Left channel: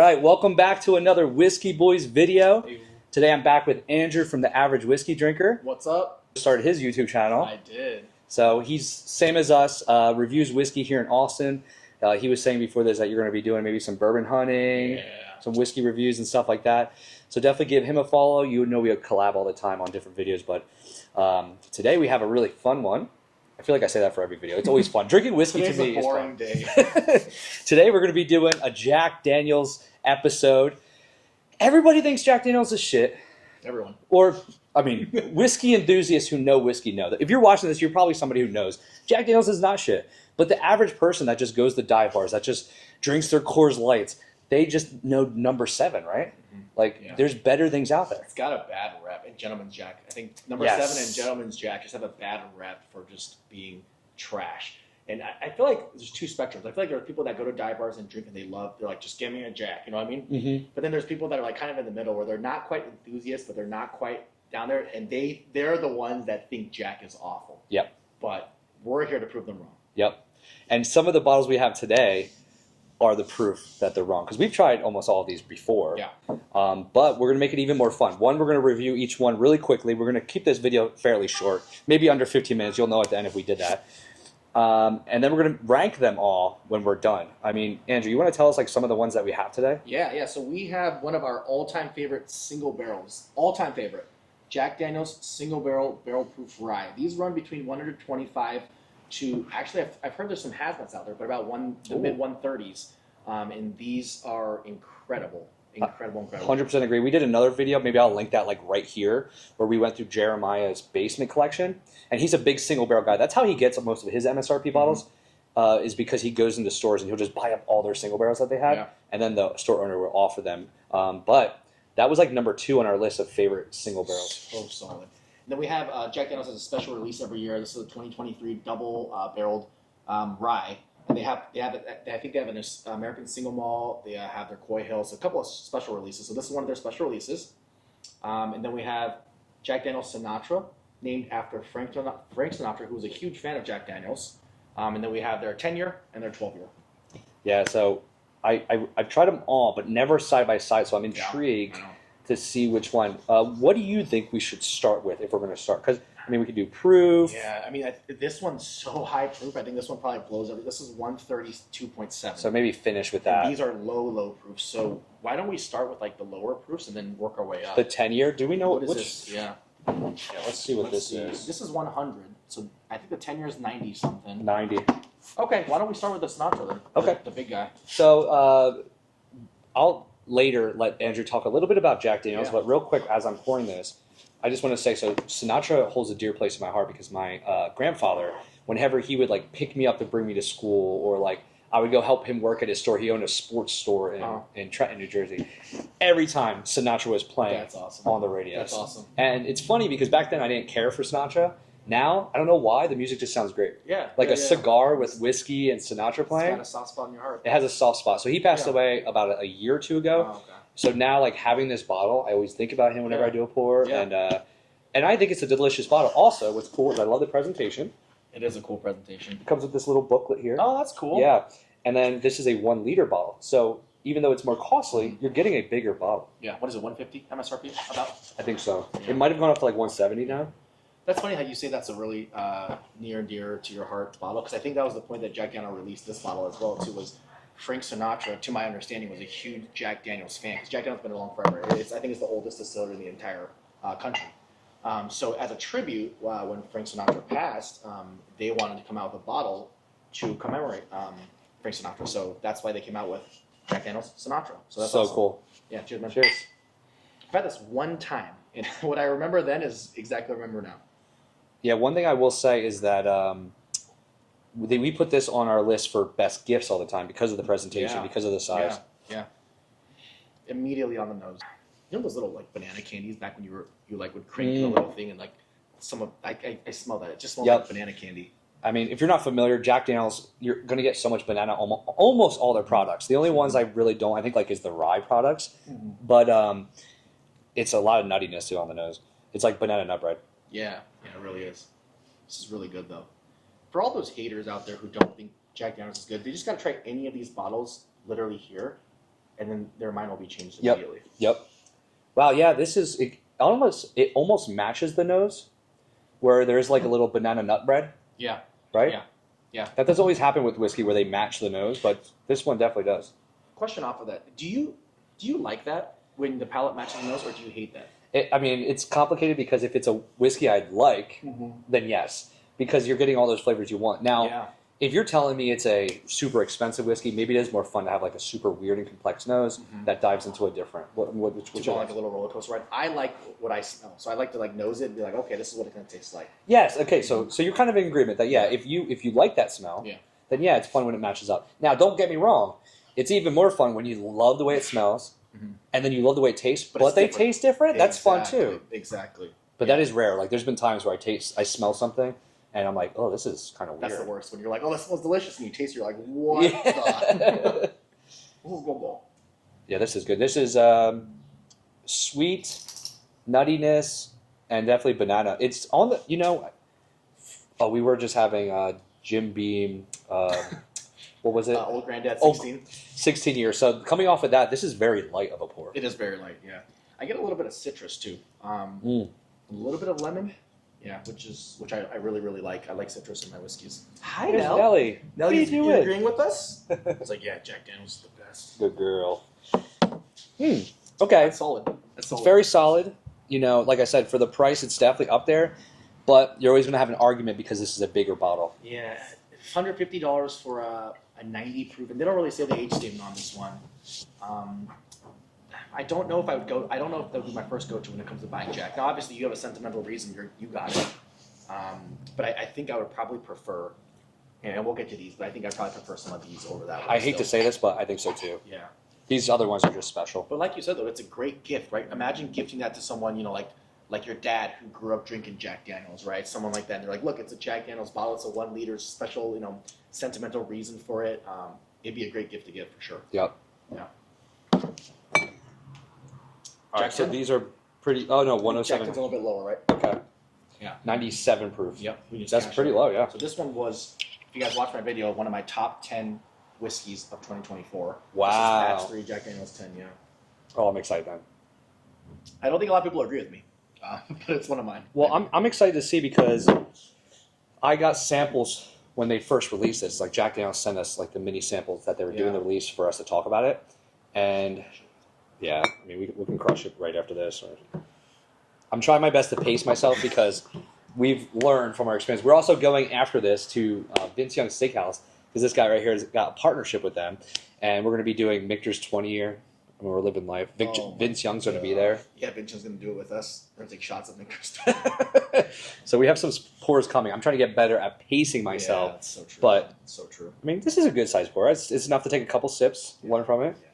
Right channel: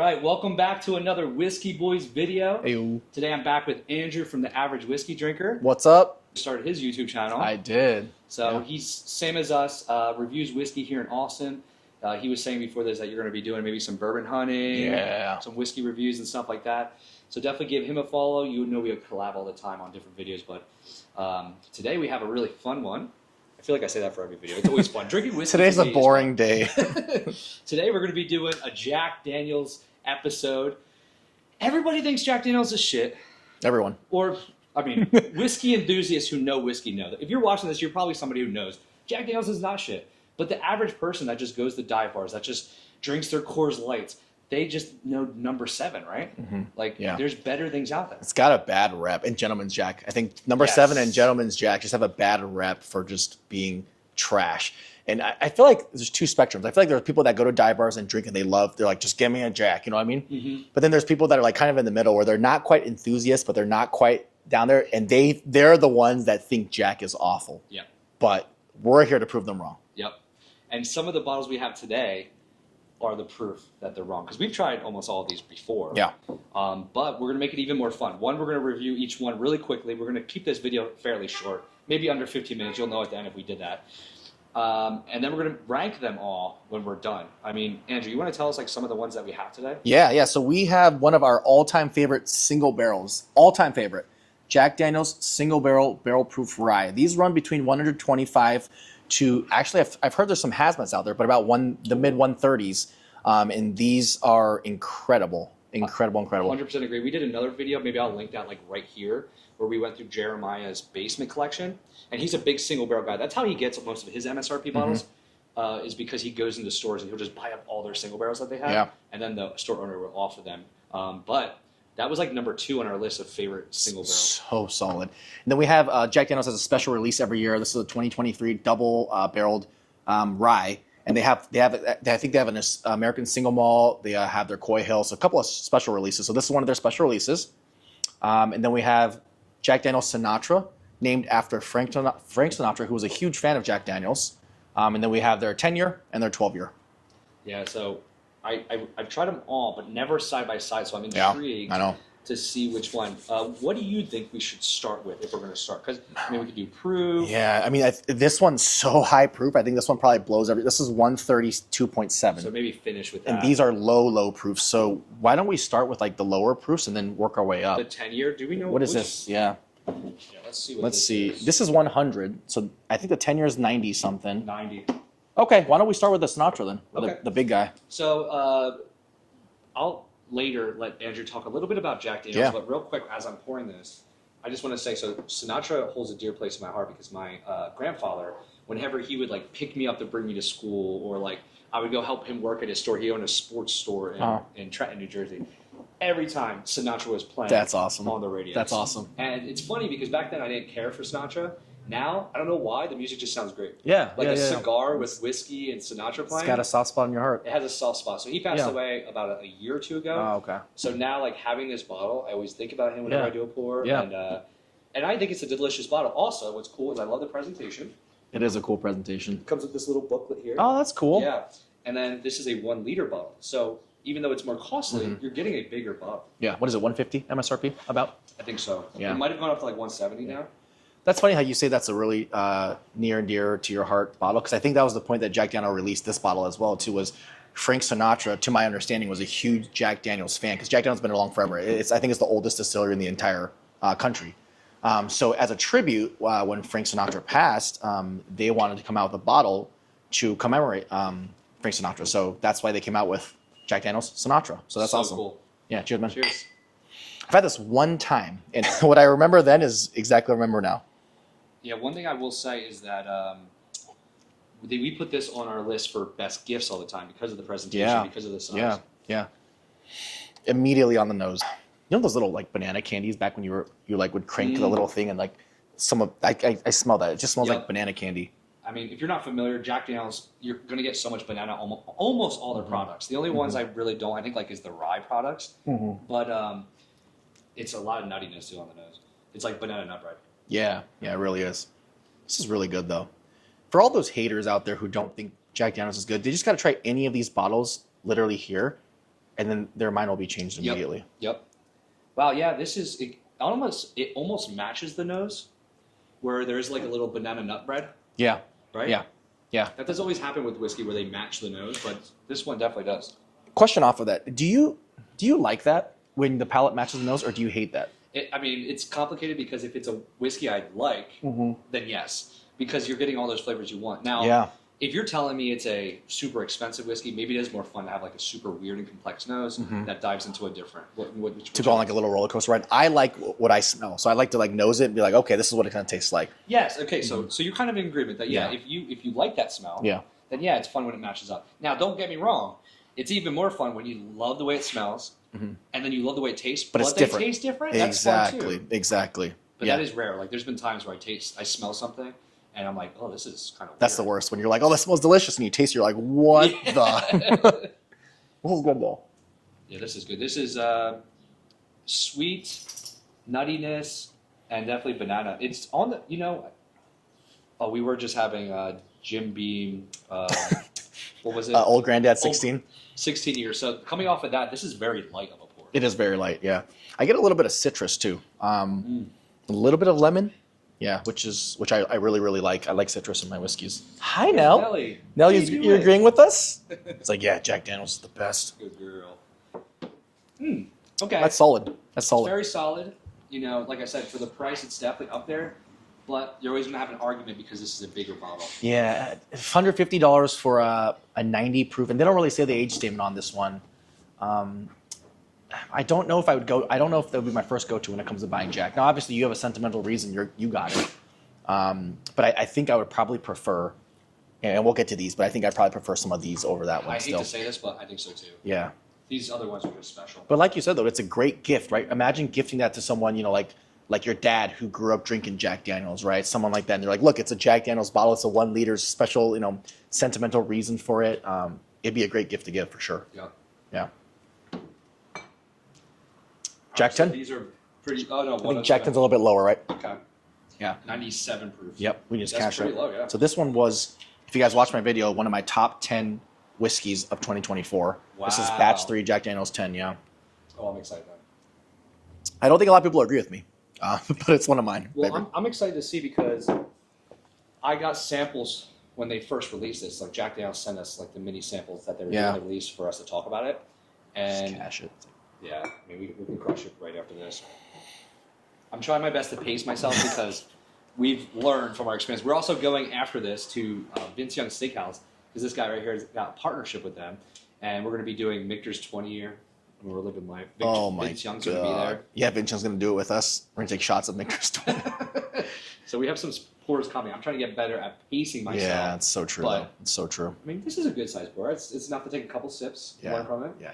right, welcome back to another Whisky Boys video. Hey. Today I'm back with Andrew from the Average Whiskey Drinker. What's up? Started his YouTube channel. I did. So he's same as us, reviews whiskey here in Austin. He was saying before this that you're going to be doing maybe some bourbon hunting, some whiskey reviews and stuff like that. So definitely give him a follow. You know we collab all the time on different videos, but today we have a really fun one. I feel like I say that for every video. It's always fun. Drinking whiskey Today's a boring day. Today we're going to be doing a Jack Daniel's episode. Everybody thinks Jack Daniel's is shit. Everyone. Or, I mean, whiskey enthusiasts who know whiskey know that. If you're watching this, you're probably somebody who knows Jack Daniel's is not shit. But the average person that just goes to dive bars, that just drinks their Coors Lights, they just know number 7, right? Mm-hmm. There's better things out there. It's got a bad rep. And Gentleman's Jack. I think number 7 and Gentleman's Jack just have a bad rep for just being trash. And I feel like there's two spectrums. I feel like there's people that go to dive bars and drink and they're like, just give me a Jack. You know what I mean? Mm-hmm. But then there's people that are like kind of in the middle where they're not quite enthusiasts, but they're not quite down there. And they're the ones that think Jack is awful. Yep. But we're here to prove them wrong. Yep. And some of the bottles we have today are the proof that they're wrong. Because we've tried almost all of these before. Yeah. But we're going to make it even more fun. One, we're going to review each one really quickly. We're going to keep this video fairly short. Maybe under 15 minutes. You'll know at the end if we did that. And then we're going to rank them all when we're done. I mean, Andrew, you want to tell us like some of the ones that we have today? Yeah. So we have one of our all-time favorite single barrels. All-time favorite. Jack Daniel's single barrel proof rye. These run between 125 to, actually, I've heard there's some hazmats out there, but about the mid 130s. And these are incredible. Incredible. 100% agree. We did another video, maybe I'll link that like right here, where we went through Jeremiah's basement collection. And he's a big single barrel guy. That's how he gets most of his MSRP bottles, is because he goes into stores and he'll just buy up all their single barrels that they have. Yeah. And then the store owner will offer them. But that was like number 2 on our list of favorite single barrels. So solid. And then we have Jack Daniel's has a special release every year. This is a 2023 double barreled rye. And I think they have an American single malt. They have their Coy Hill. So a couple of special releases. So this is one of their special releases. And then we have Jack Daniel's Sinatra, named after Frank Sinatra, who was a huge fan of Jack Daniel's. And then we have their 10-year and their 12-year. Yeah, so I've tried them all, but never side by side. So I'm intrigued to see which one. What do you think we should start with if we're going to start? Because, I mean, we could do proof. Yeah, I mean, this one's so high proof. I think this one probably blows every. This is 132.7. So maybe finish with that. And these are low proof. So why don't we start with like the lower proofs and then work our way up? The 10-year? Do we know what is this? Yeah, let's see what this is. This is 100. So I think the 10-year is 90 something. 90. Okay, why don't we start with the Sinatra then? Okay. The big guy. So I'll later let Andrew talk a little bit about Jack Daniel's, but real quick as I'm pouring this, I just want to say, so Sinatra holds a dear place in my heart because my grandfather, whenever he would like pick me up to bring me to school, or like I would go help him work at his store. He owned a sports store in Trenton, New Jersey. Every time Sinatra was playing, that's awesome, on the radio. That's awesome. And it's funny because back then I didn't care for Sinatra. Now, I don't know why, the music just sounds great. Yeah. Like a cigar with whiskey and Sinatra playing. It's got a soft spot in your heart. It has a soft spot. So he passed away about a year or two ago. Oh, okay. So now, like, having this bottle, I always think about him whenever I do a pour. Yeah. And I think it's a delicious bottle. Also, what's cool is I love the presentation. It is a cool presentation. It comes with this little booklet here. Oh, that's cool. Yeah. And then this is a 1 liter bottle. So even though it's more costly, you're getting a bigger bottle. Yeah. What is it, 150 MSRP about? I think so. Yeah. It might have gone up to like 170 now. That's funny how you say that's a really near and dear to your heart bottle, because I think that was the point that Jack Daniel released this bottle as well too. Was Frank Sinatra, to my understanding, was a huge Jack Daniel's fan, because Jack Daniel's been along forever. I think it's the oldest distillery in the entire country. So as a tribute, when Frank Sinatra passed, they wanted to come out with a bottle to commemorate Frank Sinatra. So that's why they came out with Jack Daniel's Sinatra. So that's awesome. Cool. Yeah, cheers, man. Cheers. I've had this one time, and what I remember then is exactly what I remember now. Yeah, one thing I will say is that we put this on our list for best gifts all the time because of the presentation, because of the size. Yeah. Immediately on the nose. You know those little like banana candies back when you like would crank the little thing and like I smell that. It just smells like banana candy. I mean, if you're not familiar, Jack Daniel's, you're going to get so much banana almost all their products. The only ones I really don't, I think, like is the rye products. But it's a lot of nuttiness too on the nose. It's like banana nut bread. Yeah, it really is. This is really good, though. For all those haters out there who don't think Jack Daniel's is good, they just got to try any of these bottles literally here, and then their mind will be changed immediately. Yep. Wow. Yeah. It almost matches the nose, where there's like a little banana nut bread. Yeah. Right. Yeah. That doesn't always happen with whiskey where they match the nose, but this one definitely does. Question off of that: Do you like that when the palate matches the nose, or do you hate that? It's complicated because if it's a whiskey I like, then yes, because you're getting all those flavors you want. Now, if you're telling me it's a super expensive whiskey, maybe it is more fun to have like a super weird and complex nose that dives into a different. To go on like a little roller coaster ride. I like what I smell, so I like to like nose it and be like, okay, this is what it kind of tastes like. Yes. Okay. So you're kind of in agreement that if you like that smell, then it's fun when it matches up. Now, don't get me wrong, it's even more fun when you love the way it smells, and then you love the way it tastes, but they taste different. That's fun too. Exactly. But that is rare. Like there's been times where I smell something. And I'm like, oh, this is kind of weird. That's the worst. When you're like, oh, that smells delicious. And you taste it, you're like, what the? This is good, though. Yeah, this is good. This is sweet, nuttiness, and definitely banana. It's on the, we were just having Jim Beam, what was it? Old Granddad 16. 16 years. So coming off of that, this is very light of a pour. It is very light, yeah. I get a little bit of citrus, too. A little bit of lemon. Yeah, which I really, really like. I like citrus in my whiskeys. Hi, Nell. Nelly. Nell, you agreeing with us? It's like, yeah, Jack Daniel's is the best. Good girl. Okay. That's solid. It's very solid. Like I said, for the price, it's definitely up there. But you're always going to have an argument because this is a bigger bottle. Yeah, $150 for a 90 proof. And they don't really say the age statement on this one. I don't know if I don't know if that would be my first go-to when it comes to buying Jack. Now, obviously, you have a sentimental reason. You got it. But I think I would probably prefer, and we'll get to these, but I think I'd probably prefer some of these over that one. I hate to say this, but I think so too. Yeah. These other ones are just special. But like you said, though, it's a great gift, right? Imagine gifting that to someone, like your dad who grew up drinking Jack Daniels, right? Someone like that. And they're like, look, it's a Jack Daniels bottle. It's a 1 liter special, sentimental reason for it. It'd be a great gift to give for sure. Yep. Yeah. Jack 10? So these are pretty. Oh no, 107. Jack 10's a little bit lower, right? Okay. Yeah, 97 proof. Yep, we just that's pretty low. Yeah. So this one was, if you guys watched my video, one of my top 10 whiskeys of 2024. Wow. This is batch 3 Jack Daniel's 10. Yeah. Oh, I'm excited then. I don't think a lot of people agree with me, but it's one of mine. Well, I'm excited to see because I got samples when they first released this. Like Jack Daniel's sent us like the mini samples that they were doing the release for us to talk about it, and. Cash it. Yeah, I mean, we can crush it right after this. I'm trying my best to pace myself because we've learned from our experience. We're also going after this to Vince Young's Steakhouse because this guy right here has got a partnership with them, and we're going to be doing Michter's 20 year. I mean, we're living life. Vince Young's going to be there. Yeah, Vince Young's going to do it with us. We're going to take shots of Michter's 20. So we have some pours coming. I'm trying to get better at pacing myself. Yeah, it's so true. But it's so true. I mean, this is a good size pour. It's enough to take a couple sips, learn from it. Yeah.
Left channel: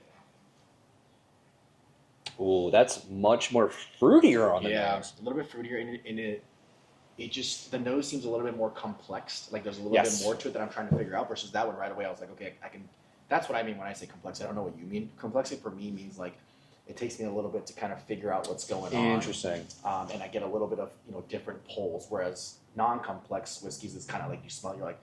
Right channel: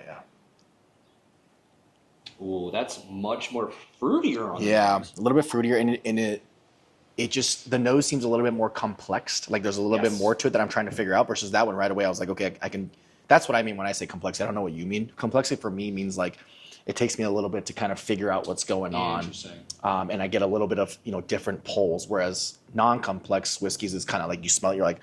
Ooh, that's much more fruitier on the nose. A little bit fruitier, and it just, the nose seems a little bit more complex. Like there's a little bit more to it that I'm trying to figure out. Versus that one right away, I was like, okay, I can. That's what I mean when I say complex. I don't know what you mean. Complexity for me means like it takes me a little bit to kind of figure out what's going on. Interesting. And I get a little bit of different pulls. Whereas non-complex whiskeys is kind of like you smell it, you're like,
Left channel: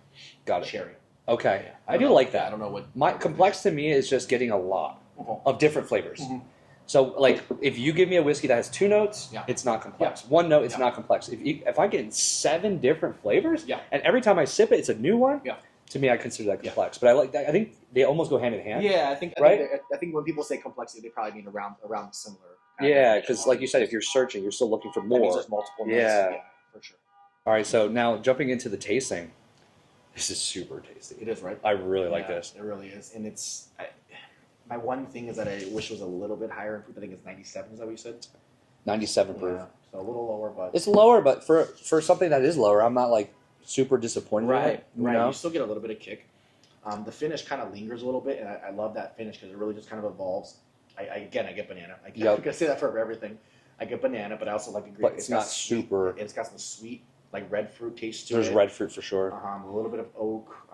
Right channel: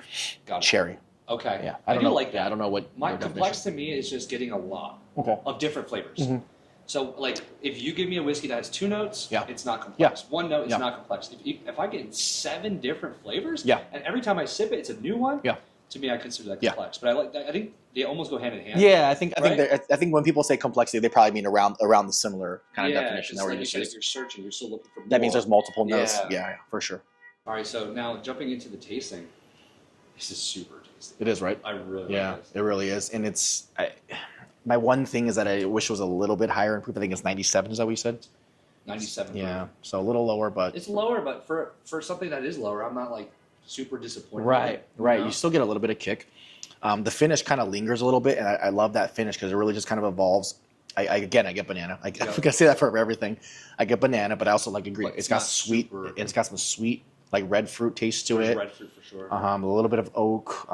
cherry. Okay. Yeah. I do like that. I don't know what my complex to me is just getting a lot of different flavors. Mm-hmm. So, like, if you give me a whiskey that has 2 notes, it's not complex. 1 note, it's not complex. If I get 7 different flavors, and every time I sip it, it's a new one, to me, I consider that complex. But I think they almost go hand in hand. Yeah, I think when people say complexity, they probably mean around the similar kind of definition. Yeah, because like you said, if you're searching, you're still looking for more. That means there's multiple notes. Yeah, for sure. All right, so now jumping into the tasting, this is super tasty. It is, right? I really like this. It really is, and it's. My one thing is that I wish it was a little bit higher in proof. I think it's 97. Is that what you said? 97 proof. Yeah, so a little lower, but it's lower. But for something that is lower, I'm not like super disappointed. Right. You still get a little bit of kick. The finish kind of lingers a little bit, and I love that finish because it really just kind of evolves. I get banana. I'm gonna say that for everything. I get banana, but I also like a green. It's got sweet. It's got some sweet, like red fruit taste to it. There's red fruit for sure. A little bit of oak.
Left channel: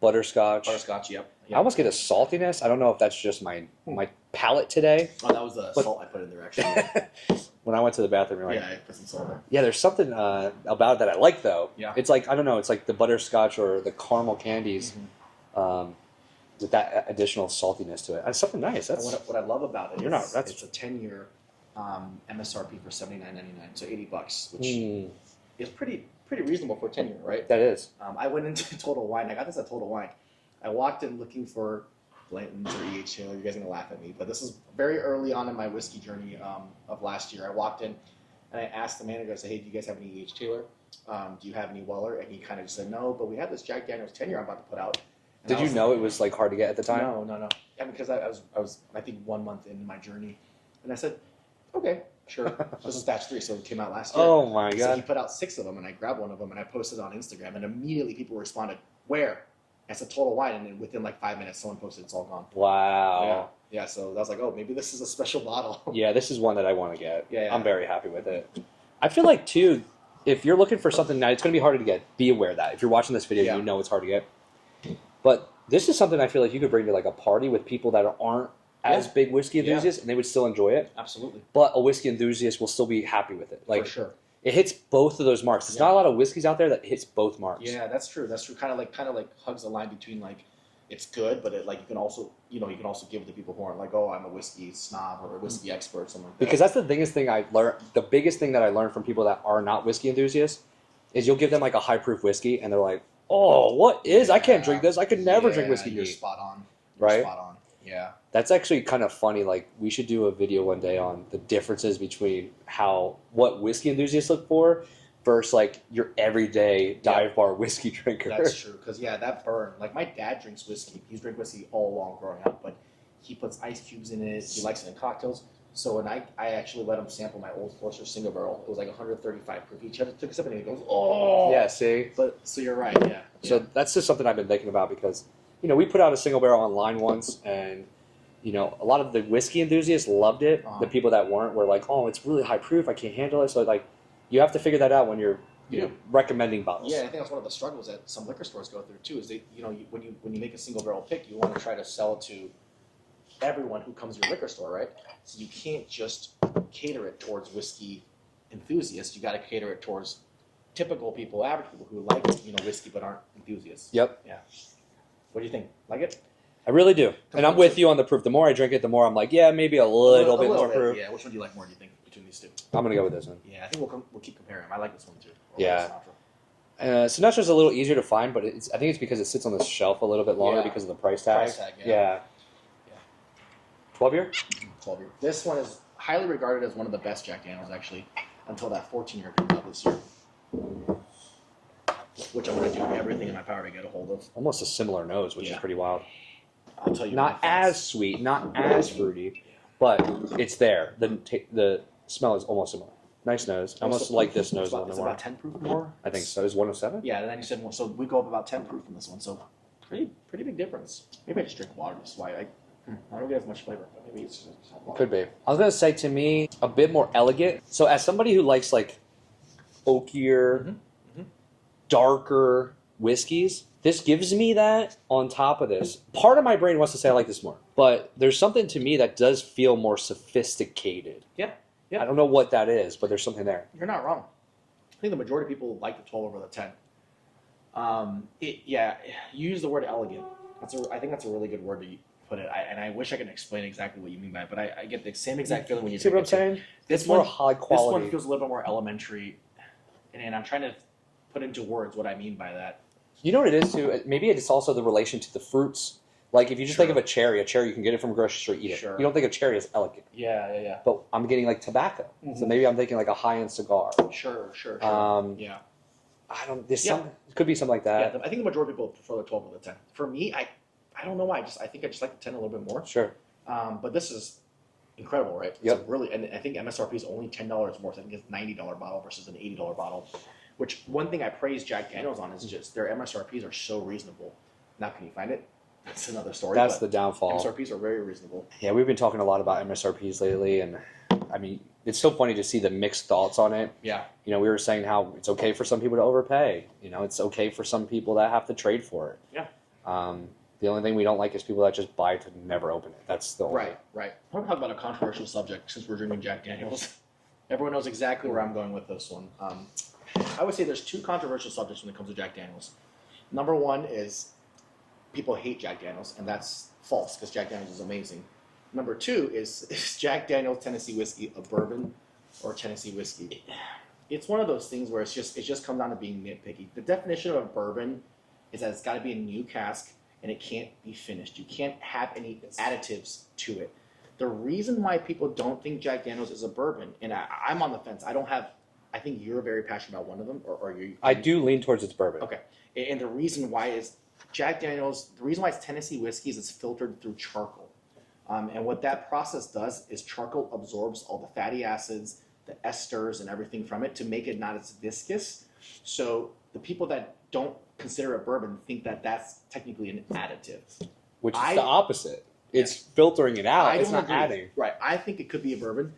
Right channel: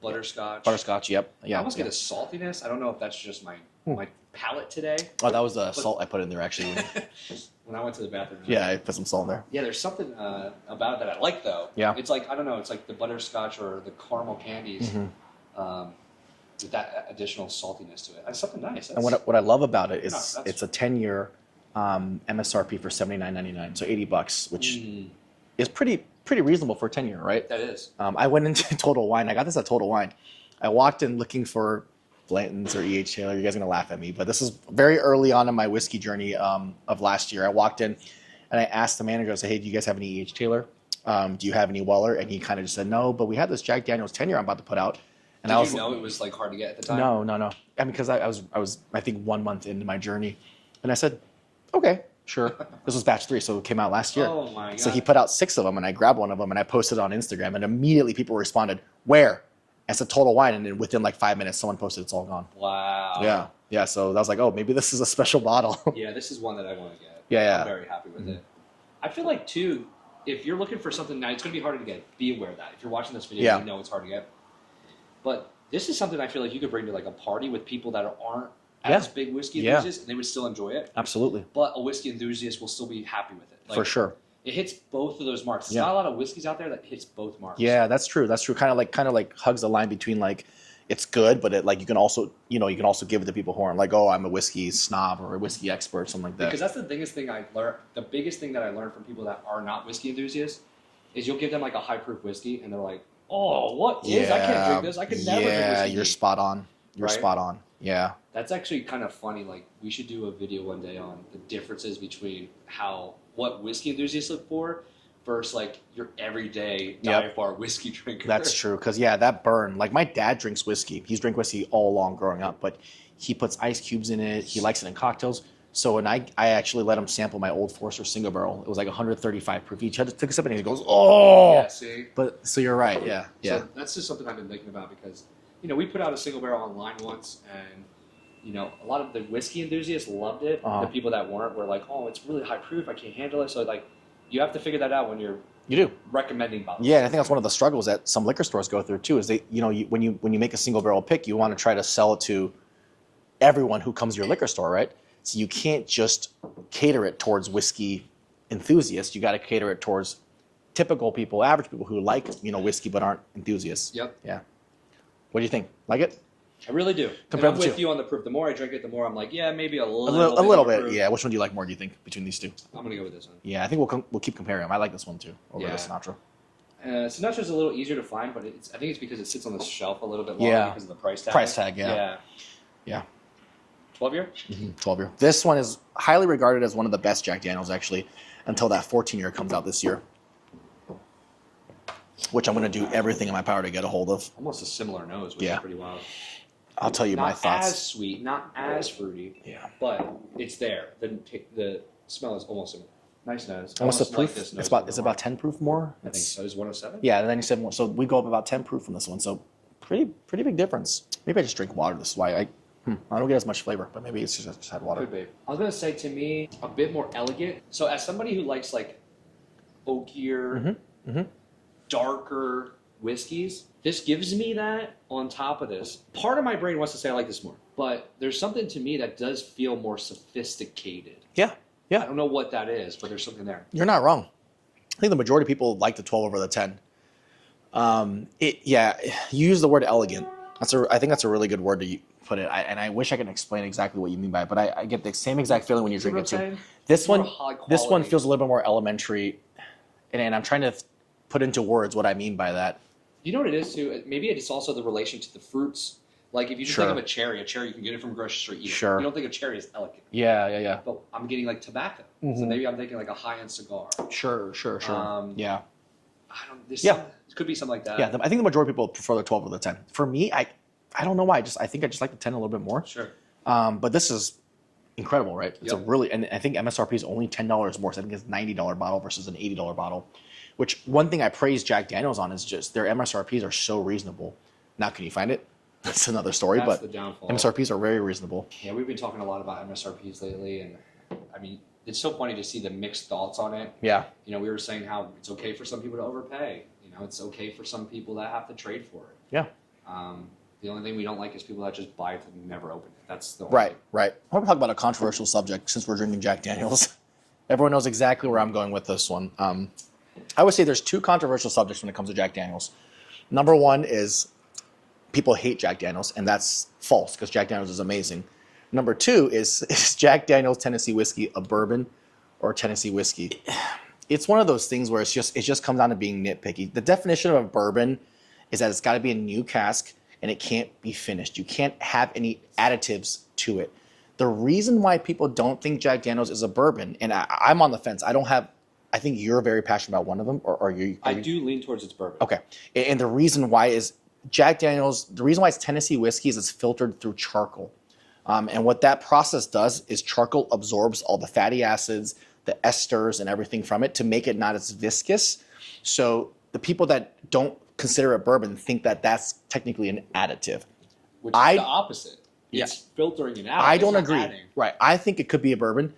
Butterscotch. Yep. I almost get a saltiness. I don't know if that's just my palate today. Oh, that was the salt I put in there actually. When I went to the bathroom, I put some salt there. Yeah, there's something about it that I like though. Yeah. It's like, I don't know, it's like the butterscotch or the caramel candies. with that additional saltiness to it. That's something nice. And what I love about it is that's- it's a 10-year MSRP for $79.99, so $80, which is pretty reasonable for a 10-year, right? That is. I went into Total Wine. I got this at Total Wine. I walked in looking for Blanton's or E.H. Taylor. You guys are going to laugh at me, but this is very early on in my whiskey journey of last year. I walked in and I asked the manager, I said, hey, do you guys have any E.H. Taylor? Do you have any Weller? And he kind of just said, no, but we had this Jack Daniel's 10-year I'm about to put out. And Did you know it was like hard to get at the time? No. I mean, because I was I think 1 month into my journey. And I said, okay, sure. This was batch 3, so it came out last year. Oh my God. So he put out 6 of them, and I grabbed one of them, and I posted it on Instagram, and immediately people responded, where? I said Total Wine, and then within like 5 minutes, someone posted it's all gone. Wow. Yeah. So I was like, oh, maybe this is a special bottle. Yeah, this is one that I want to get. Yeah. I'm very happy with it. I feel like, too, if you're looking for something now, it's going to be harder to get. Be aware of that. If you're watching this video, you know it's hard to get. But this is something I feel like you could bring to like a party with people that aren't as big whiskey enthusiasts, and they would still enjoy it. Absolutely. But a whiskey enthusiast will still be happy with it. Like, for sure. It hits both of those marks. There's not a lot of whiskeys out there that hits both marks. Yeah, that's true. Kind of like hugs the line between like it's good, but it like you can also give it to people who aren't like, oh, I'm a whiskey snob or a whiskey expert, something like that. Because that's the biggest thing I've learned. The biggest thing that I learned from people that are not whiskey enthusiasts is you'll give them like a high proof whiskey, and they're like, oh, what is? I can't drink this. I could never drink whiskey. You're spot on. You're spot on. Yeah. That's actually kind of funny. Like, we should do a video one day on the differences between what whiskey enthusiasts look for versus like your everyday dive bar whiskey drinker. That's true. Because that burn. Like my dad drinks whiskey. He's drank whiskey all along growing up, but he puts ice cubes in it. He likes it in cocktails. So when I actually let him sample my Old Forester single barrel, it was like 135 proof. He took a sip and he goes, oh. Yeah, see? But so you're right. Yeah. So that's just something I've been thinking about because, we put out a single barrel online once and, a lot of the whiskey enthusiasts loved it. The people that weren't were like, oh, it's really high proof. I can't handle it. So like, you have to figure that out when you're recommending bottles. Yeah, and I think that's one of the struggles that some liquor stores go through too. Is they, when you make a single barrel pick, you want to try to sell it to everyone who comes to your liquor store, right? So you can't just cater it towards whiskey enthusiasts. You got to cater it towards typical people, average people who like whiskey but aren't enthusiasts. Yep. Yeah. What do you think? Like it? I really do. And I'm with you on the proof. The more I drink it, the more I'm like, yeah, maybe a little bit. Proof. Yeah. Which one do you like more? Do you think between these two? I'm gonna go with this one. Yeah, I think we'll keep comparing them. I like this one too. Over the Sinatra. Sinatra's a little easier to find, but I think it's because it sits on the shelf a little bit longer because of the price tag. Yeah. 12-year? 12-year. This one is highly regarded as one of the best Jack Daniels, actually, until that 14-year comes out this year, which I'm going to do everything in my power to get a hold of. Almost a similar nose, which is pretty wild. I'll tell you my thoughts. Not as sweet, not as fruity, but it's there. The smell is almost similar. Nice nose. I almost like this nose. It's about 10 proof more? I think so. Is 107? Yeah, then you said more. So we go up about 10 proof from this one, so pretty big difference. Maybe I just drink water. This is why I don't get as much flavor, but maybe it's just had water. Could be. I was going to say, to me, a bit more elegant. So as somebody who likes like oakier, darker whiskeys, this gives me that on top of this. Part of my brain wants to say I like this more, but there's something to me that does feel more sophisticated. Yeah. I don't know what that is, but there's something there. You're not wrong. I think the majority of people like the 12 over the 10. You use the word elegant. I think that's a really good word to put it. And I wish I could explain exactly what you mean by it, but I get the same exact feeling when you drink it too. This one feels a little bit more elementary, and I'm trying to put into words what I mean by that. You know what it is too? Maybe it's also the relation to the fruits. Like if you just think of a cherry you can get it from a grocery store, eat it. You don't think of cherry as elegant. Yeah. But I'm getting like tobacco. So maybe I'm thinking like a high-end cigar. Sure. Yeah. It could be something like that. Yeah, I think the majority of people prefer the 12 over the 10. For me, I don't know why. I think I just like the 10 a little bit more. Sure. But this is incredible, right? It's and I think MSRP is only $10 more. So I think it's a $90 bottle versus an $80 bottle. Which one thing I praise Jack Daniels on is just their MSRPs are so reasonable. Now, can you find it? That's another story. That's the downfall. MSRPs are very reasonable. Yeah, we've been talking a lot about MSRPs lately, and I mean, it's so funny to see the mixed thoughts on it. Yeah. We were saying how it's okay for some people to overpay. It's okay for some people that have to trade for it. Yeah. The only thing we don't like is people that just buy it to never open it. That's the right. I want to talk about a controversial subject since we're drinking Jack Daniels. Everyone knows exactly where I'm going with this one. I would say there's two controversial subjects when it comes to Jack Daniels. Number one is people hate Jack Daniels, and that's false because Jack Daniels is amazing. Number 2 is Jack Daniels Tennessee whiskey a bourbon or Tennessee whiskey? It's one of those things where it just comes down to being nitpicky. The definition of a bourbon is that it's got to be a new cask and it can't be finished. You can't have any additives to it. The reason why people don't think Jack Daniels is a bourbon, and I'm on the fence. I think you're very passionate about one of them, or are you? I do lean towards it's bourbon. Okay, and the reason why is Jack Daniels. The reason why it's Tennessee whiskey is it's filtered through charcoal, and what that process does is charcoal absorbs all the fatty acids, the esters, and everything from it to make it not as viscous. So the people that don't consider it bourbon think that that's technically an additive, which is the opposite. It's filtering it out. I don't agree. Adding. Right. I think it could be a bourbon.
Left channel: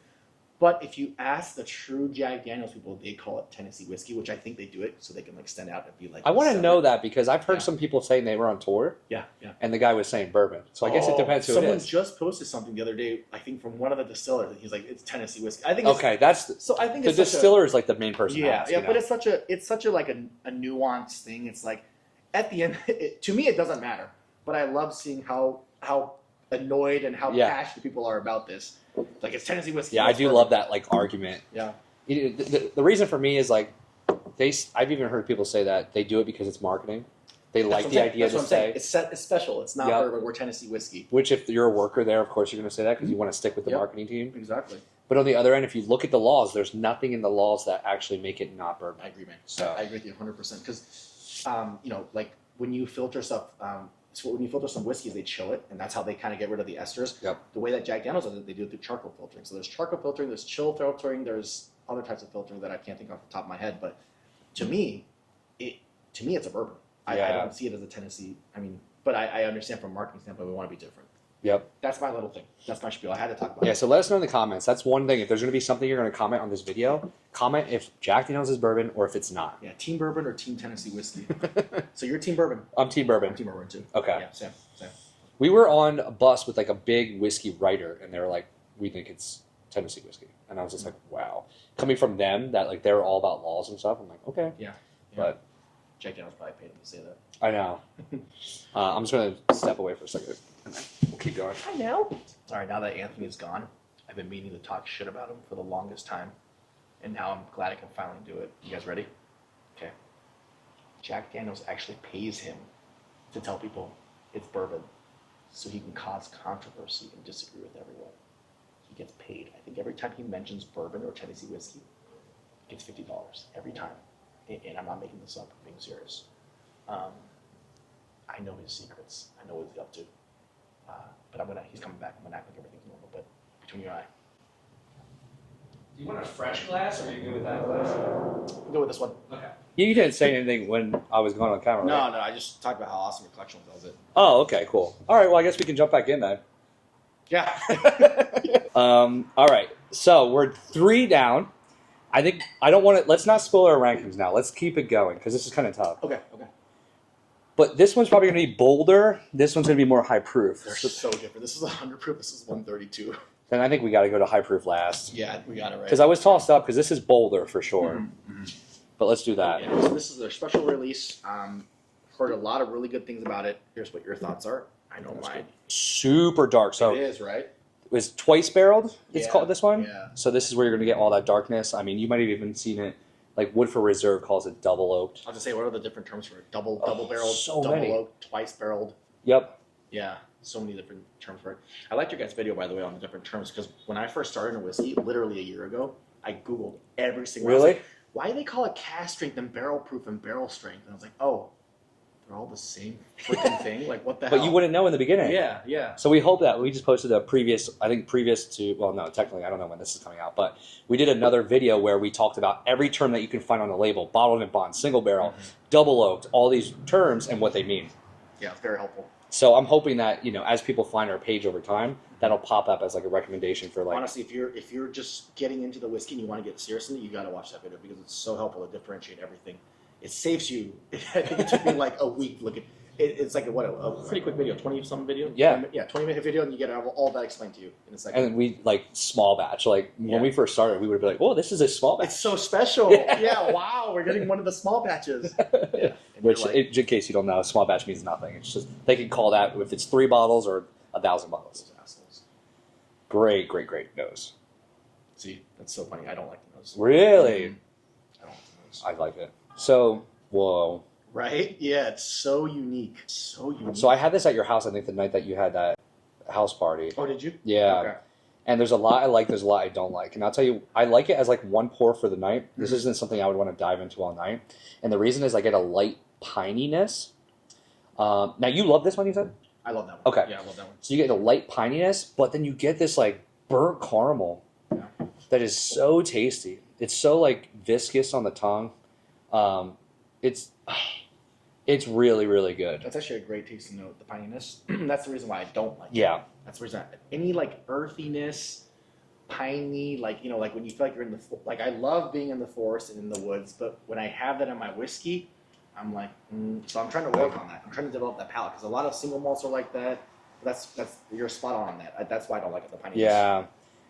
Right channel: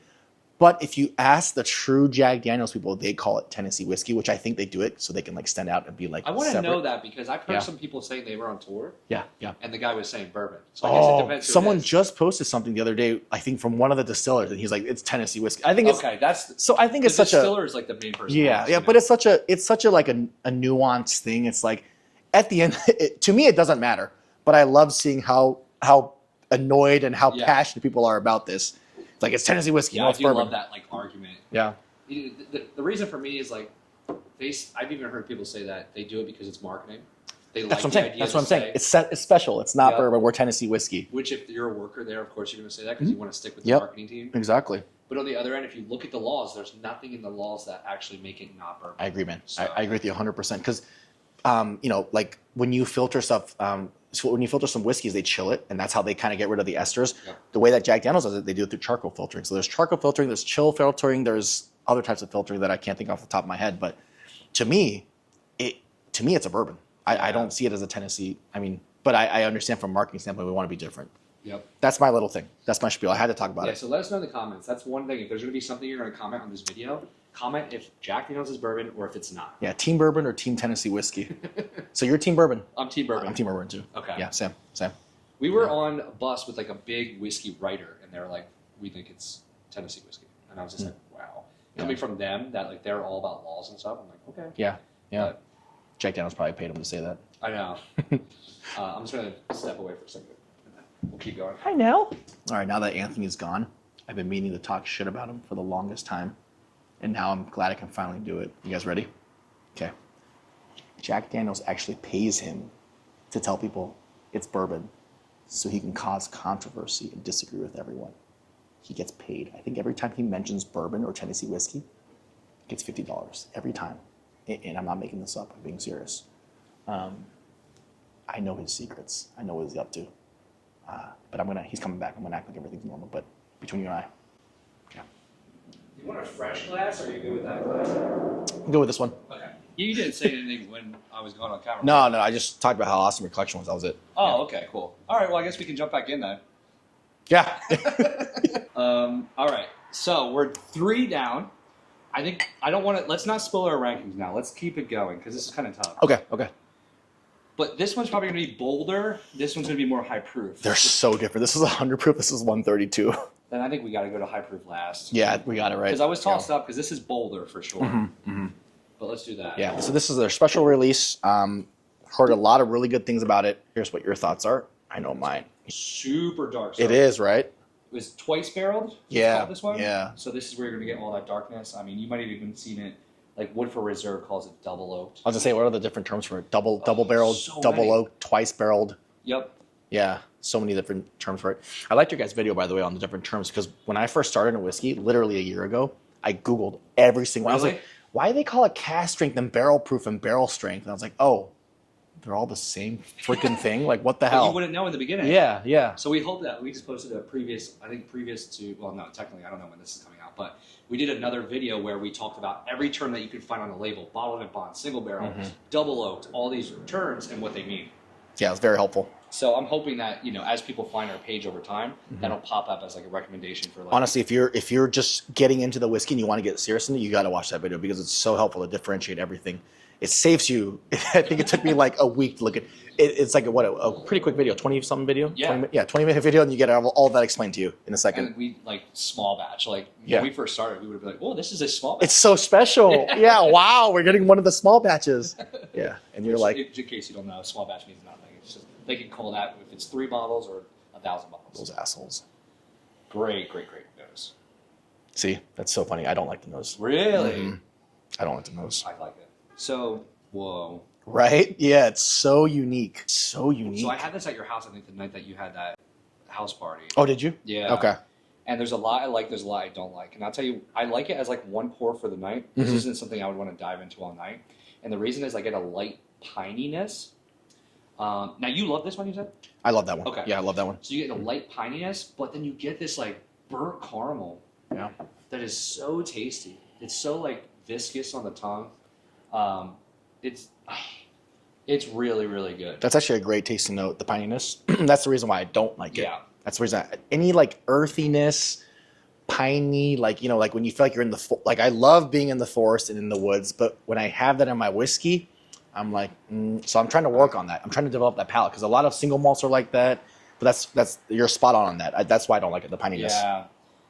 But if you ask the true Jack Daniels people, they call it Tennessee whiskey, which I think they do it so they can like stand out and be like. I want to know that because I've heard some people saying they were on tour. Yeah. And the guy was saying bourbon. So I guess it depends. Someone just posted something the other day, I think from one of the distillers, and he's like, "It's Tennessee whiskey." I think it's okay. That's so. I think it's such a distiller is like the main person. Yeah. But it's such a like a nuanced thing. It's like at the end, to me, it doesn't matter. But I love seeing how annoyed and how passionate people are about this. It's like it's Tennessee whiskey. Yeah, I do love that like argument. Yeah. The reason for me is like I've even heard people say that they do it because it's marketing. They like the idea. That's what I'm saying. It's special. It's not bourbon. We're Tennessee whiskey. Which, if you're a worker there, of course you're going to say that because you want to stick with the marketing team. Exactly. But on the other end, if you look at the laws, there's nothing in the laws that actually make it not bourbon. I agree, man. So. I agree with you 100%. Because, like when you filter stuff. So when you filter some whiskeys, they chill it, and that's how they kind of get rid of the esters. Yep. The way that Jack Daniels does it, they do it through charcoal filtering. So there's charcoal filtering, there's chill filtering, there's other types of filtering that I can't think off the top of my head. But to me, it's a bourbon. I don't see it as a Tennessee. I mean, but I understand from a marketing standpoint, we want to be different. Yep. That's my little thing. That's my spiel. I had to talk about it. Yeah, so let us know in the comments. That's one thing. If there's going to be something you're going to comment on this video, comment if Jack Daniels is bourbon or if it's not. Yeah, team bourbon or team Tennessee whiskey. So you're team bourbon. I'm team bourbon. I'm team bourbon too. Okay. Yeah, same. We were on a bus with like a big whiskey writer, and they were like, we think it's Tennessee whiskey. And I was just like, wow. Coming from them, that like they're all about laws and stuff, I'm like, okay. Yeah. But Jack Daniels probably paid him to say that. I know. I'm just going to step away for a second, and then we'll keep going. I know. All right, now that Anthony's gone, I've been meaning to talk shit about him for the longest time, and now I'm glad I can finally do it. You guys ready? Okay. Jack Daniels actually pays him to tell people it's bourbon so he can cause controversy and disagree with everyone. He gets paid. I think every time he mentions bourbon or Tennessee whiskey, he gets $50 every time. And I'm not making this up. I'm being serious. I know his secrets. I know what he's up to. But he's coming back. I'm going to act like everything's normal. But between you and I. Okay. Do you want a fresh glass, or are you good with that glass? I'll go with this one. Okay. You didn't say anything when I was going on camera. No, right? no. I just talked about how awesome your collection was. That was it. Oh, okay, cool. All right, well, I guess we can jump back in then. Yeah. All right, so we're 3 down. Let's not spoil our rankings now. Let's keep it going, because this is kind of tough. Okay. But this one's probably going to be bolder. This one's going to be more high proof. They're so different. This is 100 proof. This is 132. And I think we got to go to high proof last. Yeah, we got it right. Because I was tossed up, because this is bolder for sure. But let's do that. Yeah, so this is their special release. Heard a lot of really good things about it. Here's what your thoughts are. I know mine. Super dark. So it is, right? It was twice barreled. It's called this one. Yeah. So this is where you're going to get all that darkness. I mean, you might have even seen it. Like Woodford Reserve calls it double oaked. I was gonna say, what are the different terms for it? Double barreled, so double many. oaked, twice barreled. Yep. Yeah, so many different terms for it. I liked your guys' video, by the way, on the different terms, because when I first started in whiskey, literally a year ago, I Googled every single one. I was like, why do they call it cask strength and barrel proof and barrel strength? And I was like, oh, they're all the same freaking thing? Like, what the hell? But you wouldn't know in the beginning. Yeah. So we hope that we just posted a previous to, well, no, technically, I don't know when this is coming out, but we did another video where we talked about every term that you can find on the label, bottled and bond, single barrel, double oaked, all these terms and what they mean. Yeah, it's very helpful. So I'm hoping that, as people find our page over time, that'll pop up as like a recommendation for like. Honestly, if you're just getting into the whiskey and you want to get serious in it, you got to watch that video because it's so helpful to differentiate everything. It saves you. I think it took me like a week to look at it's like a pretty quick video, 20-something video. Yeah. 20-minute video, and you get all of that explained to you in a second. And we like small batch. Like when we first started, we would be like, "Oh, this is a small batch." It's so special. Yeah. Wow. We're getting one of the small batches. Yeah. And we're like, in case you don't know, small batch means nothing. It's just they can call that if it's 3 bottles or 1,000 bottles. those assholes. Great nose. See, that's so funny. I don't like the nose. Really? I don't like the nose. I like it. So, whoa. Right? Yeah, it's so unique. So unique. So I had this at your house, I think, the night that you had that house party. Oh, did you? Yeah. Okay. And there's a lot I like, there's a lot I don't like. And I'll tell you, I like it as like one pour for the night. This isn't something I would want to dive into all night. And the reason is I get a light pininess. Now, you love this one, you said? I love that one. Okay. Yeah, I love that one. So you get a light pininess, but then you get this like burnt caramel. Yeah. That is so tasty. It's so like viscous on the tongue. It's really, really good. That's actually a great tasting note, the pininess. That's the reason why I don't like it. Yeah. That's the reason. Any like earthiness, piney, like, you know, like when you feel like you're in the, like I love being in the forest and in the woods, but when I have that in my whiskey, I'm like, so I'm trying to work on that. I'm trying to develop that palate because a lot of single malts are like that, but that's you're spot on that. That's why I don't like it, the pininess. Yeah.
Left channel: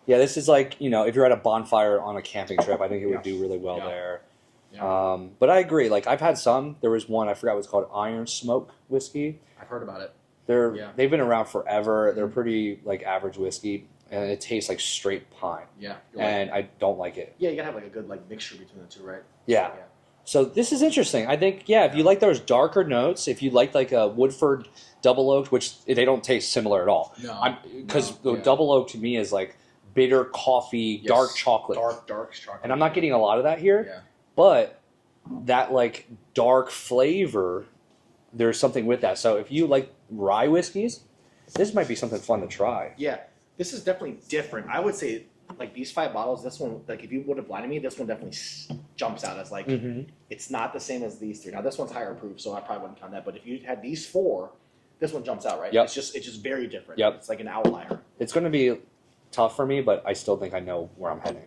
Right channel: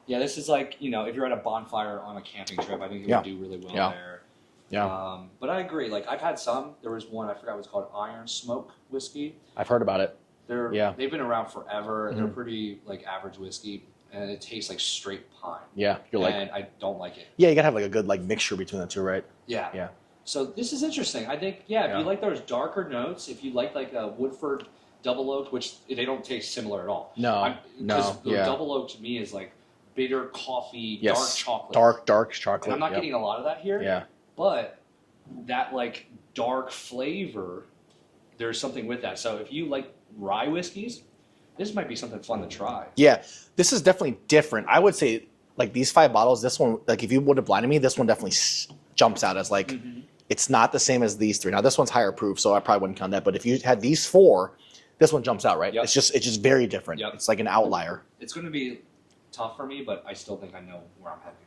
Yeah, this is like, you know, if you're at a bonfire on a camping trip, I think it would do really well there. Yeah. But I agree. Like, I've had some. There was one, I forgot what it's called, Iron Smoke whiskey. I've heard about it. They've been around forever. They're pretty, like, average whiskey, and it tastes like straight pine. Yeah. And I don't like it. Yeah, you gotta have like a good like mixture between the two, right? Yeah. Yeah. So this is interesting. I think, if you like those darker notes, if you like a Woodford double oak, which they don't taste similar at all. No. Because double oak to me is like bitter coffee, dark chocolate. Dark chocolate. And I'm not getting a lot of that here. Yeah. But that like dark flavor, there's something with that. So if you like rye whiskeys, this might be something fun to try. Yeah. This is definitely different. I would say like these 5 bottles, this one, like if you would have blinded me, this one definitely jumps out as like, it's not the same as these 3. Now this one's higher proof, so I probably wouldn't count that. But if you had these 4, this one jumps out, right? Yep. It's just very different. Yep. It's like an outlier. It's going to be tough for me, but I still think I know where I'm heading.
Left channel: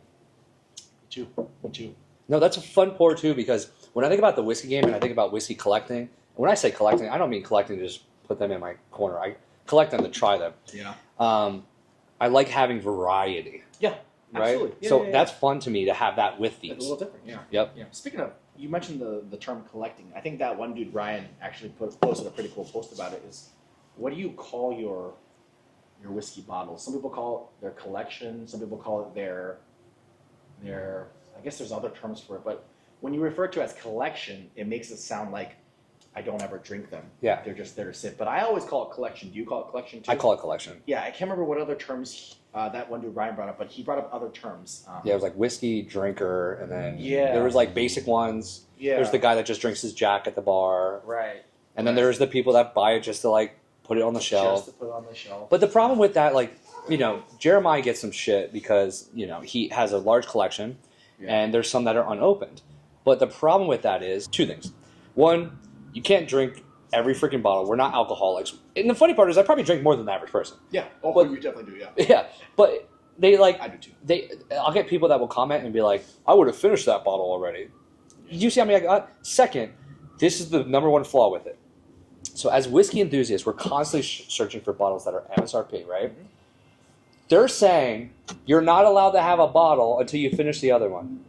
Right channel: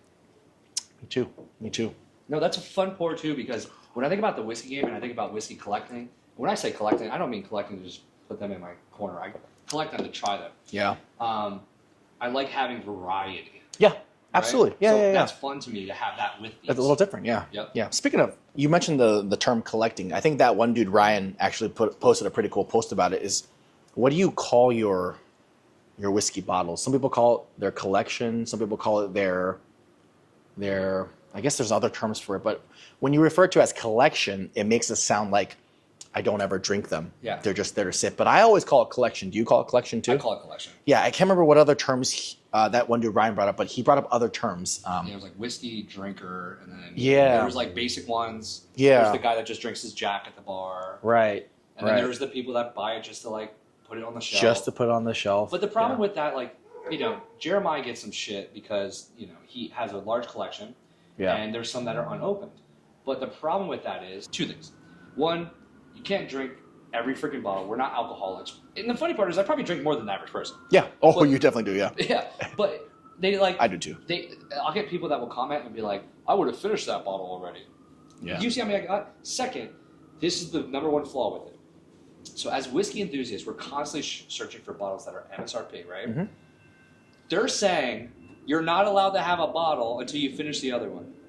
Me too. No, that's a fun pour too, because when I think about the whiskey game and I think about whiskey collecting, when I say collecting, I don't mean collecting to just put them in my corner. I collect them to try them. Yeah. I like having variety. Yeah. Absolutely. Right? Yeah, so yeah. that's fun to me to have that with these. It's a little different, yeah. Yep. Yeah. Speaking of, you mentioned the term collecting. I think that one dude, Ryan, actually posted a pretty cool post about it. Is what do you call your whiskey bottles? Some people call it their collection. Some people call it their. I guess there's other terms for it, but when you refer to it as collection, it makes it sound like I don't ever drink them. Yeah. They're just there to sit. But I always call it collection. Do you call it collection too? I call it collection. Yeah, I can't remember what other terms that one dude Ryan brought up, but he brought up other terms. It was like whiskey drinker, and then Yeah. there was like basic ones. Yeah. There's the guy that just drinks his Jack at the bar. Right. And then there's the people that buy it just to like put it on the shelf. Just to put on the shelf. But the problem with that, like, you know, Jeremiah gets some shit because, you know, he has a large collection and there's some that are unopened. But the problem with that is 2 things. One, you can't drink every freaking bottle. We're not alcoholics. And the funny part is I probably drink more than the average person. Yeah. Oh, But- you definitely do, yeah. Yeah. But they like... I do too. I'll get people that will comment and be like, I would have finished that bottle already. Yeah. You see how many I got? Second, this is the number one flaw with it. So as whiskey enthusiasts, we're constantly searching for bottles that are MSRP, right? Mm-hmm. They're saying you're not allowed to have a bottle until you finish the other one.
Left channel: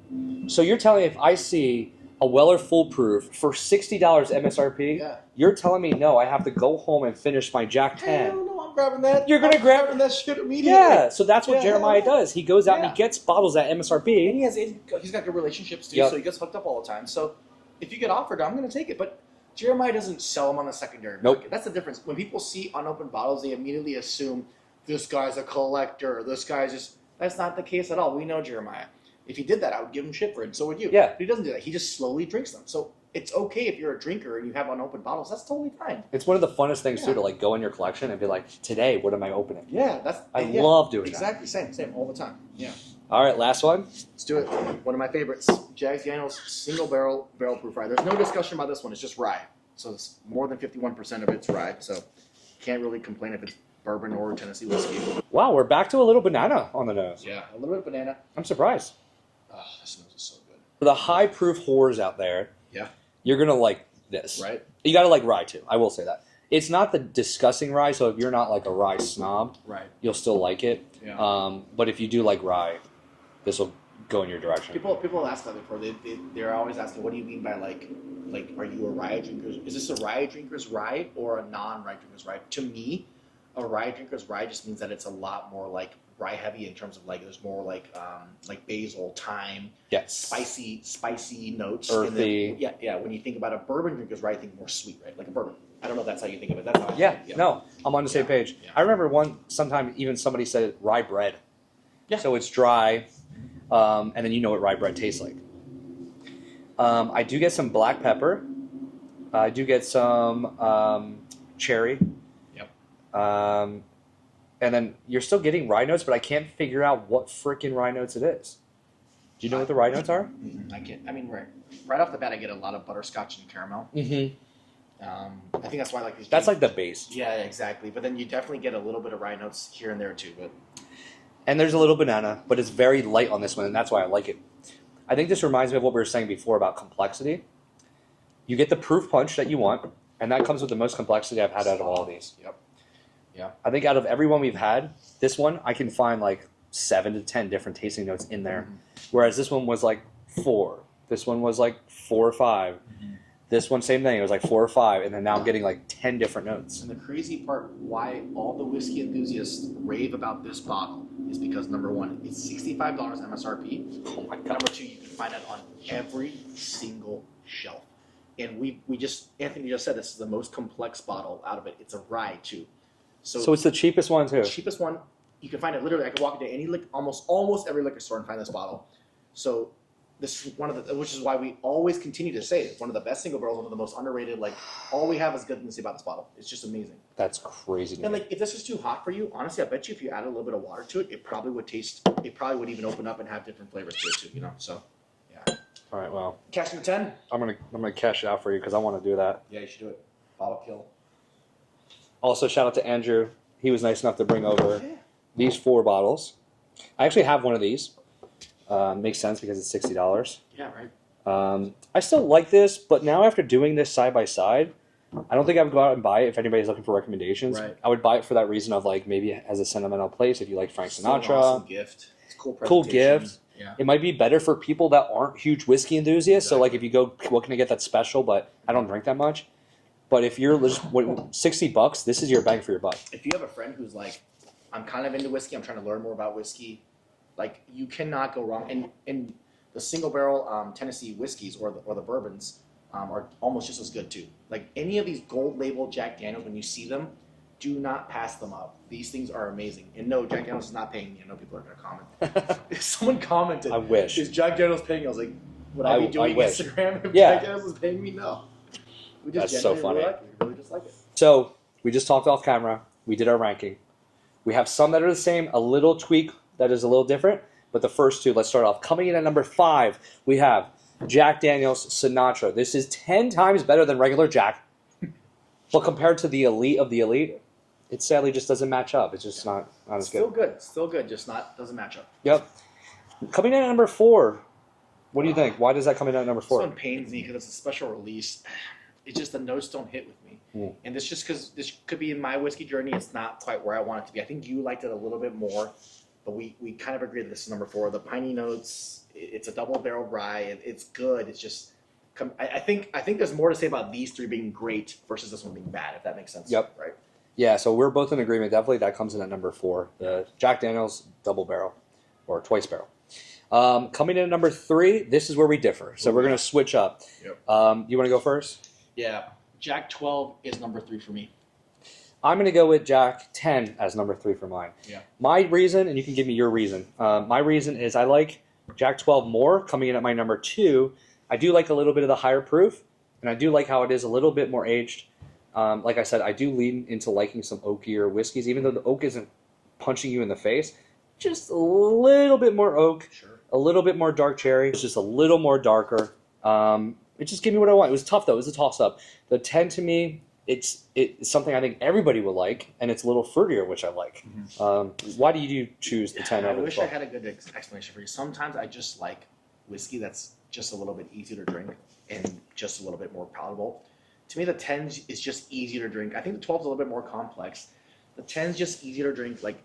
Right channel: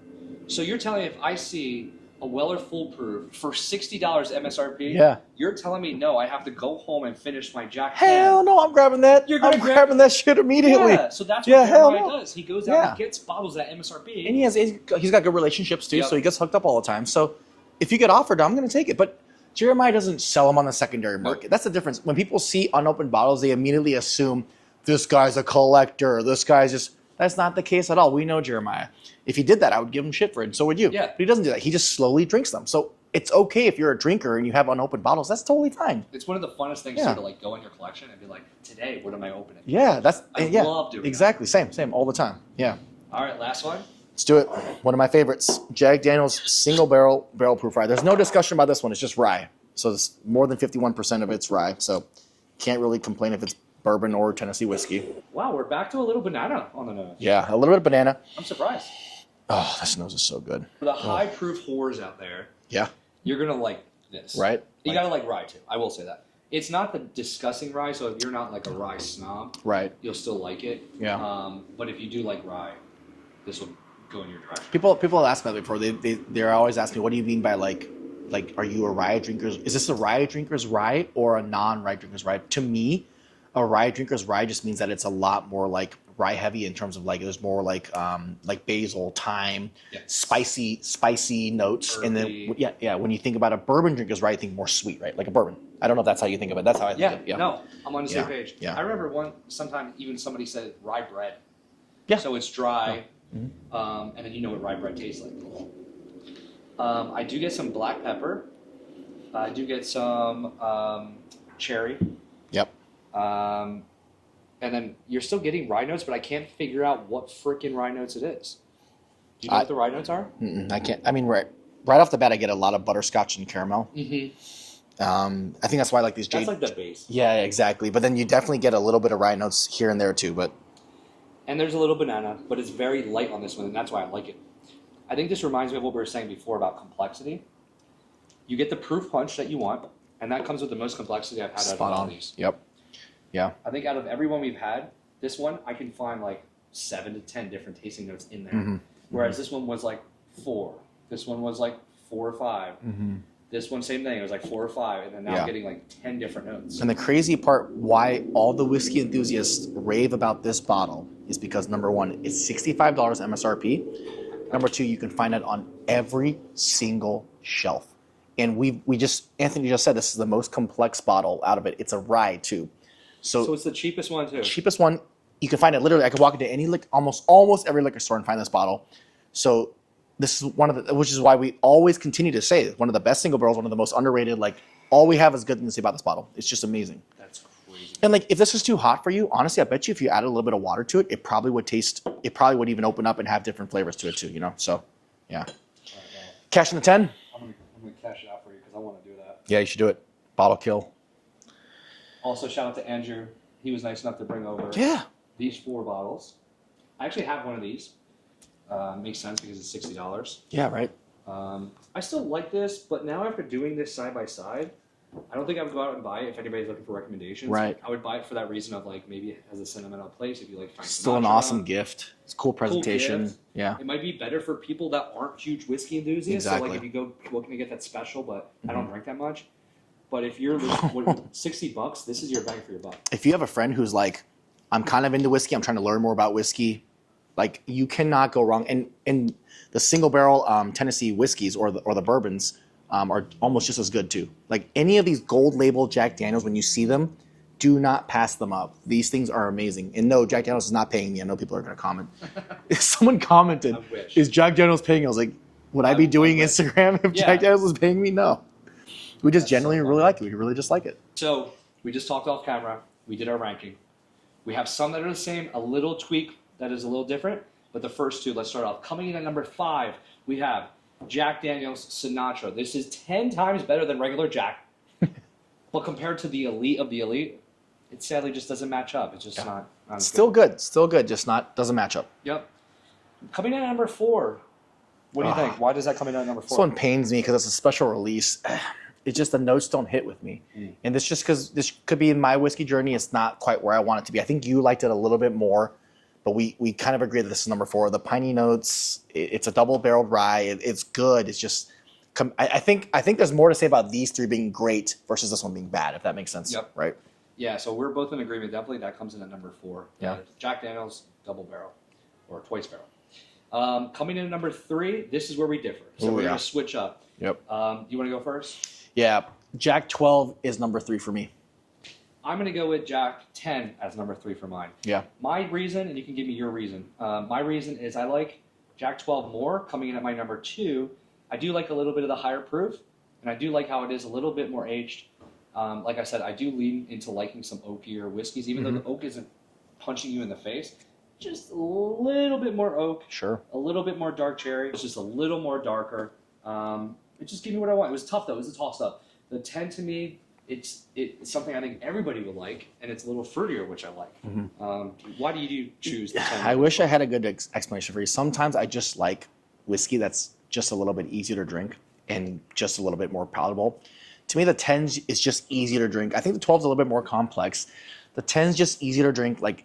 So you're telling me if I see a Weller Full Proof for $60 MSRP, you're telling me no, I have to go home and finish my Jack Hell no, I'm grabbing that. You're gonna I'm grabbing that shit immediately. Yeah, so that's what Jeremiah does. He goes out and he gets bottles at MSRP. And he's got good relationships too, so he gets hooked up all the time. So if you get offered, I'm going to take it. But Jeremiah doesn't sell them on the secondary market. That's the difference. When people see unopened bottles, they immediately assume this guy's a collector. This guy's just... That's not the case at all. We know Jeremiah. If he did that, I would give him shit for it, and so would you. Yeah. But he doesn't do that. He just slowly drinks them. So it's okay if you're a drinker and you have unopened bottles. That's totally fine. It's one of the funnest things too, to like go in your collection and be like, today, what am I opening? Yeah, I love doing that. Exactly. Same, all the time. Yeah. All right, last one. Let's do it. One of my favorites, Jack Daniel's single barrel proof rye. There's no discussion about this one. It's just rye. So it's more than 51% of it's rye. So can't really complain if it's bourbon or Tennessee whiskey. Wow, we're back to a little banana on the nose. Yeah, a little bit of banana. I'm surprised. Oh, this nose is so good. For the high proof whores out there, yeah, you're gonna like this. Right. You got to like rye too. I will say that. It's not the disgusting rye, so if you're not like a rye snob, right, you'll still like it. Yeah. But if you do like rye, this will go in your direction. People ask me that before. They're always asking me, what do you mean by like are you a rye drinker? Is this a rye drinker's rye or a non-rye drinker's rye? To me, a rye drinker's rye just means that it's a lot more like rye heavy in terms of like there's more like basil, thyme, spicy notes. Earthy. When you think about a bourbon drinker's rye, you think more sweet, right? Like a bourbon. I don't know if that's how you think of it. That's how I think. Yeah. No, I'm on the same page. Yeah. I remember sometime even somebody said rye bread. Yeah. So it's dry, and then you know what rye bread tastes like. I do get some black pepper. I do get some cherry. Yep. And then you're still getting rye notes, but I can't figure out what freaking rye notes it is. Do you know what the rye notes are? I can't. I mean, right off the bat, I get a lot of butterscotch and caramel. Mm-hmm. I think that's why I like these. That's like the base. Yeah, exactly. But then you definitely get a little bit of rye notes here and there too. And there's a little banana, but it's very light on this one, and that's why I like it. I think this reminds me of what we were saying before about complexity. You get the proof punch that you want, and that comes with the most complexity I've had out of all of these. Yep. Yeah. I think out of every one we've had, this one I can find like 7 to 10 different tasting notes in there. Mm-hmm. Whereas this one was like 4. This one was like 4 or 5. Mm-hmm. This one, same thing. It was like 4 or 5, and then now I'm getting like 10 different notes. And the crazy part, why all the whiskey enthusiasts rave about this bottle is because number one, it's $65 MSRP. Oh my God. Number two, you can find it on every single shelf. And Anthony just said this is the most complex bottle out of it. It's a rye too. So it's the cheapest one too. Cheapest one. You can find it literally. I could walk into any almost every liquor store and find this bottle. So this is which is why we always continue to say it's one of the best single barrels, one of the most underrated. Like all we have is good things to say about this bottle. It's just amazing. That's crazy. And like if this is too hot for you, honestly, I bet you if you added a little bit of water to it, it probably would even open up and have different flavors to it too. You know, so yeah. All right, well, cash in the 10. I'm gonna cash it out for you because I want to do that. Yeah, you should do it. Bottle kill. Also, shout out to Andrew. He was nice enough to bring over these 4 bottles. I actually have one of these. Makes sense because it's $60. Yeah, right. I still like this, but now after doing this side by side, I don't think I would go out and buy it if anybody's looking for recommendations. Right. I would buy it for that reason of like maybe it has a sentimental place if you like Frank Sinatra. Still an awesome gift. It's a cool presentation. Cool gift. Yeah. It might be better for people that aren't huge whiskey enthusiasts. Exactly. So like if you go, what can I get that's special? But I don't drink that much. But if you're $60, this is your bang for your buck. If you have a friend who's like, I'm kind of into whiskey, I'm trying to learn more about whiskey, like you cannot go wrong. And the single barrel Tennessee whiskeys or the bourbons are almost just as good too. Like any of these gold label Jack Daniels, when you see them, do not pass them up. These things are amazing. And no, Jack Daniels is not paying me. I know people are going to comment. If someone commented, I wish. Is Jack Daniels paying me? I was like, would I be doing Instagram if Jack Daniels was paying me? No. We just genuinely really like it. We really just like it. So we just talked off camera. We did our ranking. We have some that are the same, a little tweak that is a little different. But the first 2, let's start off. Coming in at number 5, we have Jack Daniel's Sinatra. This is 10 times better than regular Jack. But compared to the elite of the elite, it sadly just doesn't match up. It's just not as Still good. Still good. Just doesn't match up. Yep. Coming in at number 4. What do you think? Why does that come in at number 4? This one pains me because it's a special release. It's just the notes don't hit with me. And this just because this could be in my whiskey journey, it's not quite where I want it to be. I think you liked it a little bit more, but we kind of agree that this is number 4. The piney notes, it's a double barreled rye. It's good. It's just, I think there's more to say about these 3 being great versus this one being bad, if that makes sense. Yep. Right. Yeah, so we're both in agreement. Definitely that comes in at number 4. Yeah. Jack Daniel's double barrel or twice barrel. Coming in at number 3, this is where we differ. So we're going to switch up. Yep. You want to go first? Yeah. Jack 12 is number 3 for me. I'm going to go with Jack 10 as number 3 for mine. Yeah. My reason, and you can give me your reason. My reason is I like Jack 12 more. Coming in at my number 2, I do like a little bit of the higher proof, and I do like how it is a little bit more aged. Like I said, I do lean into liking some oakier whiskeys, even though the oak isn't punching you in the face. Just a little bit more oak. Sure. A little bit more dark cherry. It's just a little more darker. It just gave me what I want. It was tough, though. It was a toss-up. The 10, to me, it's something I think everybody would like, and it's a little fruitier, which I like. Why do you choose the 10? I wish I had a good explanation for you. Sometimes I just like whiskey that's just a little bit easier to drink and just a little bit more palatable. to me, the 10s is just easier to drink. I think the 12's a little bit more complex. The 10's just easier to drink. Like,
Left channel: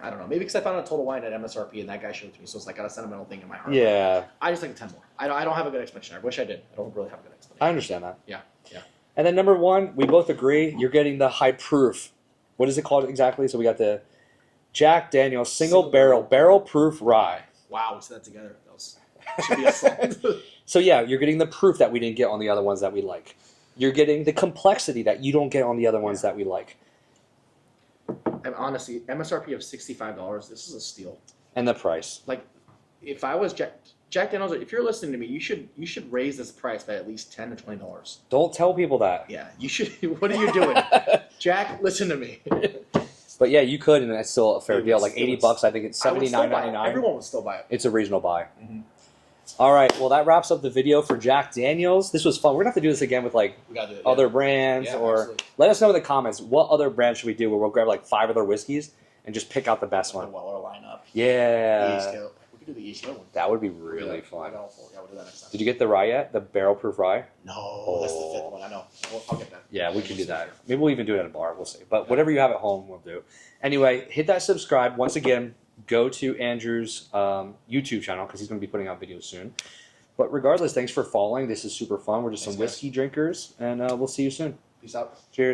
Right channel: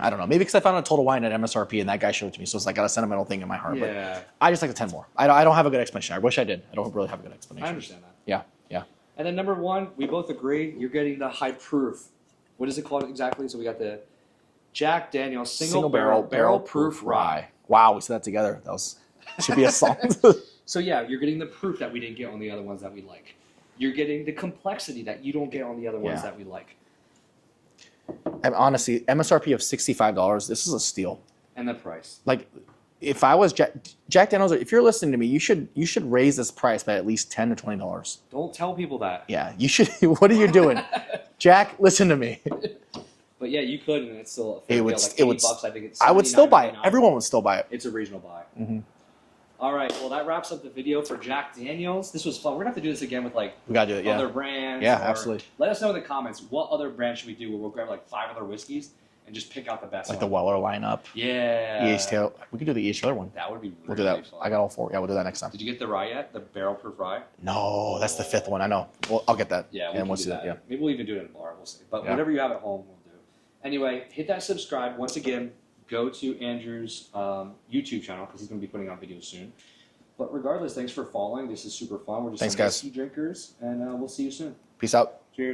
I don't know. Maybe because I found a Total Wine at MSRP and that guy showed it to me, so it's like got a sentimental thing in my heart. Yeah. But I just like the 10 more. I don't have a good explanation. I wish I did. I don't really have a good explanation. I understand that. Yeah, yeah. And then number 1, we both agree, you're getting the high proof. What is it called exactly? So we got the Jack Daniel single barrel proof rye. Wow, we said that together. That should be a song. So yeah, you're getting the proof that we didn't get on the other ones that we like. You're getting the complexity that you don't get on the other ones that we like. And honestly, MSRP of $65, this is a steal. And the price. Like, if I was Jack Daniels, if you're listening to me, you should raise this price by at least $10 to $20. Don't tell people that. Yeah, you should. What are you doing, Jack? Listen to me. But yeah, you could, and that's still a fair deal. Like $80, I think it's. I would still buy it. Everyone would still buy it. It's a reasonable buy. Mm-hmm. All right, well that wraps up the video for Jack Daniels. This was fun. We're gonna have to do this again with like we gotta do it, other brands. Yeah, or absolutely. Let us know in the comments what other brands should we do where we'll grab like 5 other whiskeys and just pick out the best like one. the Weller lineup. Yeah. EH Taylor. We could do the EH Taylor one. That would be really we'll do that. fun. I got all 4. Yeah, we'll do that next time. Did you get the rye yet? The barrel proof rye? No, that's the 5th one. I know. Well, I'll get that. Yeah, we'll do that. Yeah. Maybe we'll even do it at a bar. We'll see. But whatever you have at home, we'll do. Anyway, hit that subscribe. Once again, go to Andrew's YouTube channel because he's going to be putting out videos soon. But regardless, thanks for following. This is super fun. We're just some whiskey drinkers, and we'll see you soon. Peace out. Cheers.